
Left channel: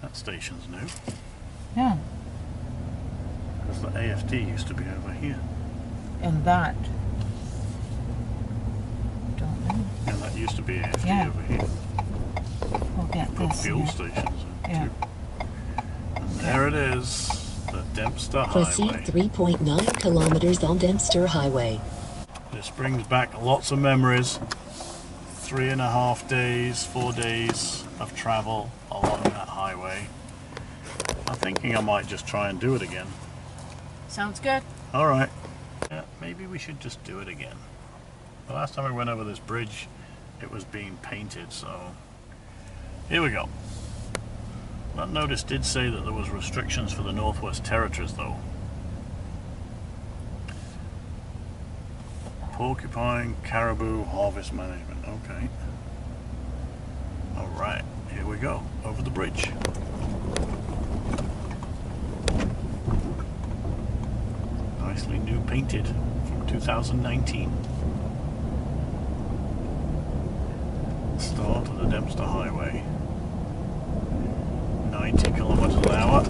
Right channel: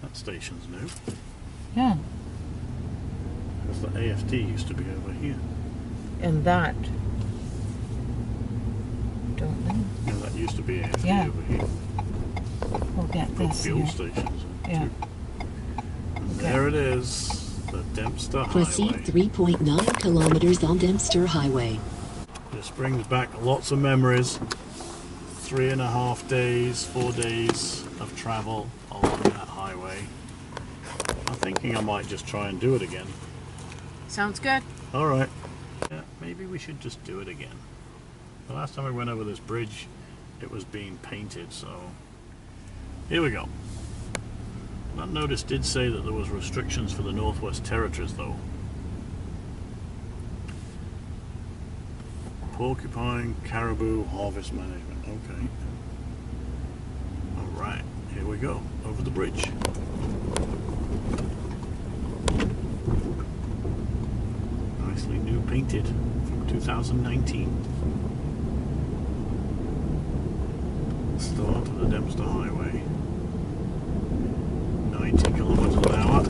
That station's new. Yeah. Because the AFD used to be over here. And that. Don't know. Yeah, that used to be AFD over here. We'll get Put this fuel here. stations in Yeah. too. And there it is, the Dempster Proceed Highway. 3.9 kilometers on Dempster Highway. This brings back lots of memories. 3.5 days, 4 days of travel along that highway. I'm thinking I might just try and do it again. Sounds good. Alright. Yeah, maybe we should just do it again. The last time we went over this bridge, it was being painted, so here we go. That notice did say that there was restrictions for the Northwest Territories, though. Porcupine Caribou Harvest Management. Okay. Alright, here we go. Over the bridge. Nicely new painted from 2019. Start of the Dempster Highway. 90 kilometers an hour.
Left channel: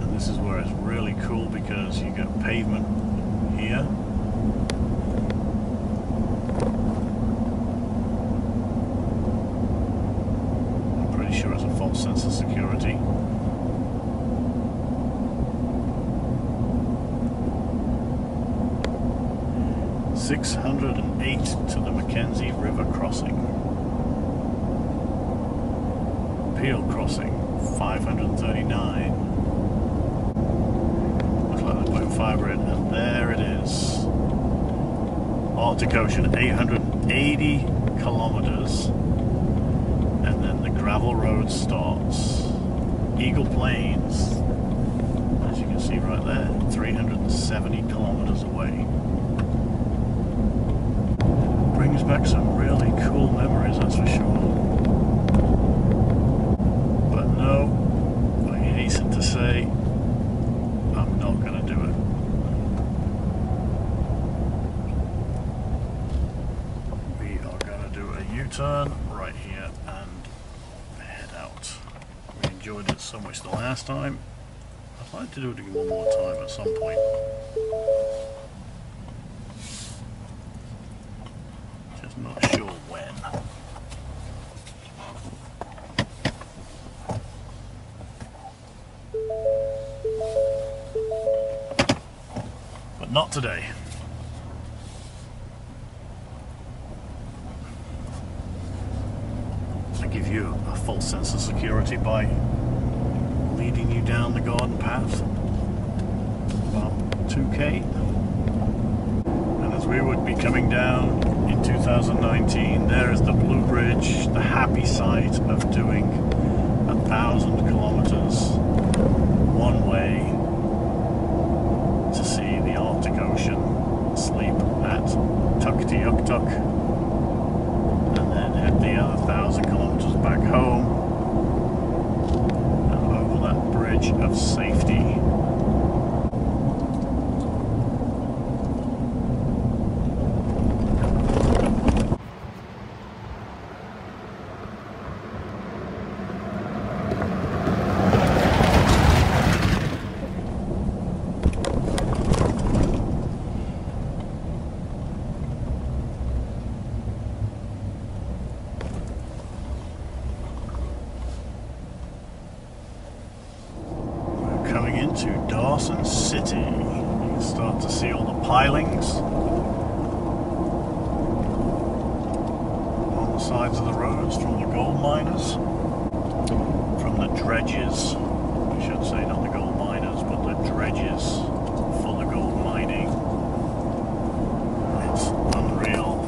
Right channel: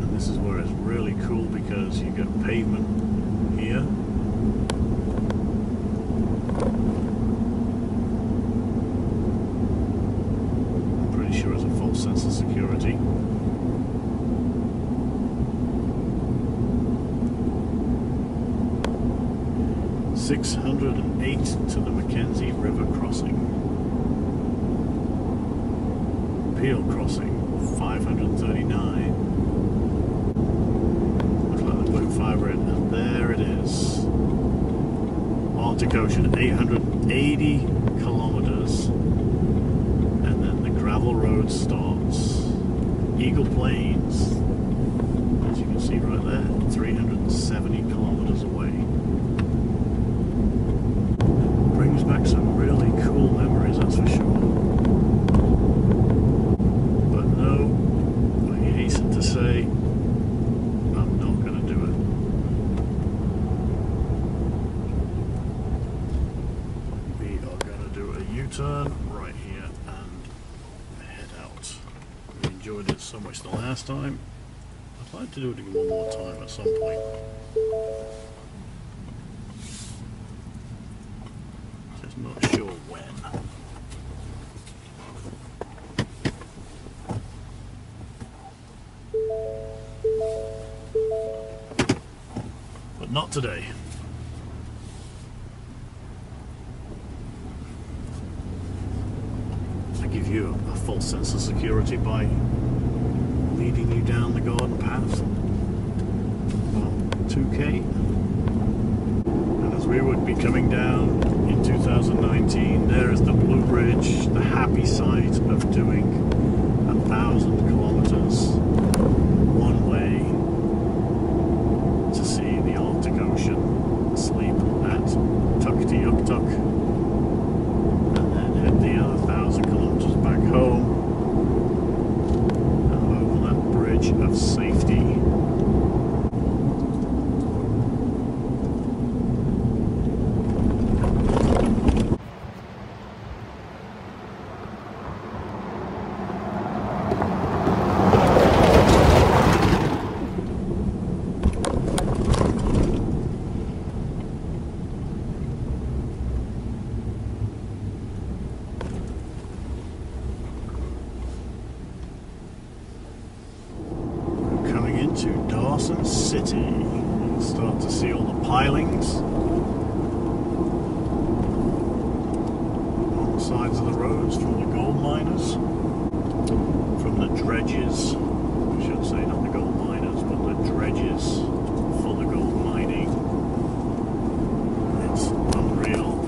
And this is where it's really cool because you get pavement here. I'm pretty sure it's a false sense of security. $608 to the Mackenzie River crossing. Peel crossing, $539. Looks like they're putting fibre in, and there it is. Arctic Ocean, 880 kilometers, and then the gravel road starts. Eagle Plains, as you can see right there, 370 kilometers away. Brings back some really cool memories, that's for sure. But no, I hasten to say, I'm not going to do it. We are going to do a U-turn right here and head out. We enjoyed it so much the last time. I'd like to do it one more time at some point. Just not sure when. But not today. I give you a false sense of security by leading you down the garden path. About 2K. And as we would be coming down in 2019, there is the Blue Bridge, the happy sight of doing 1,000 kilometers one way to see the Arctic Ocean, sleep at Tuktoyaktuk, and then head the other 1,000 kilometers back home and over that bridge of safety. into Dawson City. You can start to see all the pilings on the sides of the roads from the gold miners, from the dredges. I should say not the gold miners, but the dredges for the gold mining. It's unreal.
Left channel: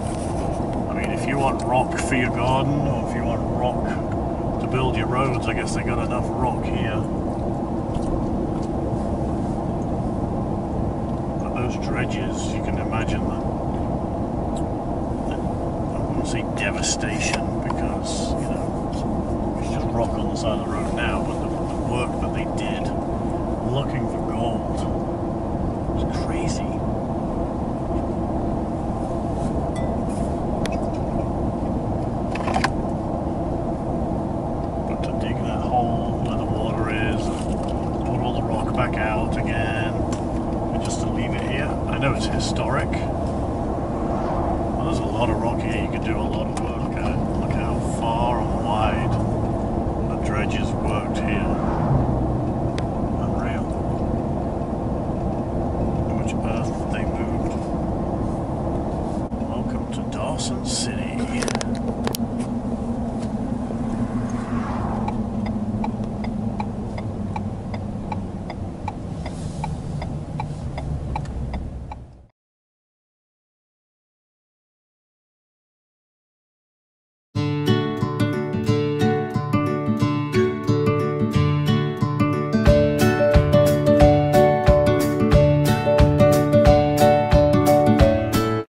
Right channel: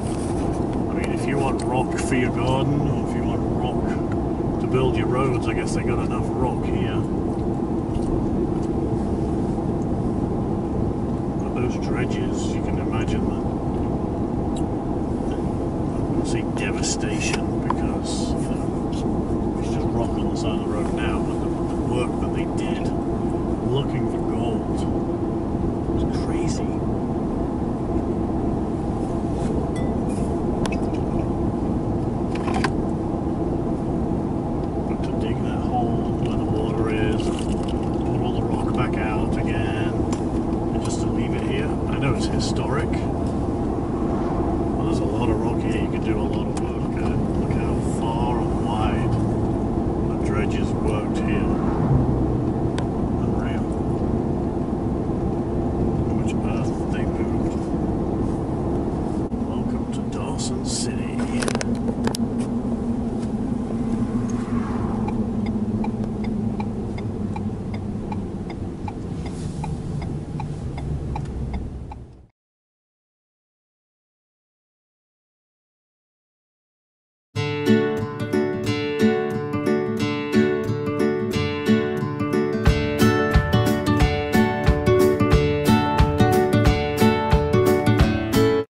I mean, if you want rock for your garden, or if you want rock to build your roads, I guess they got enough rock here. But those dredges, you can imagine that I wouldn't say devastation, because, you know, it's just rock on the side of the road now, but the work that they did looking for gold was crazy. But to dig that hole where the water is, put all the rock back out again, and just to leave it here, I know it's historic. Well, there's a lot of rock here. You could do a lot of work at it. Look how far and wide the dredges worked here. Unreal. How much earth they moved. Welcome to Dawson City.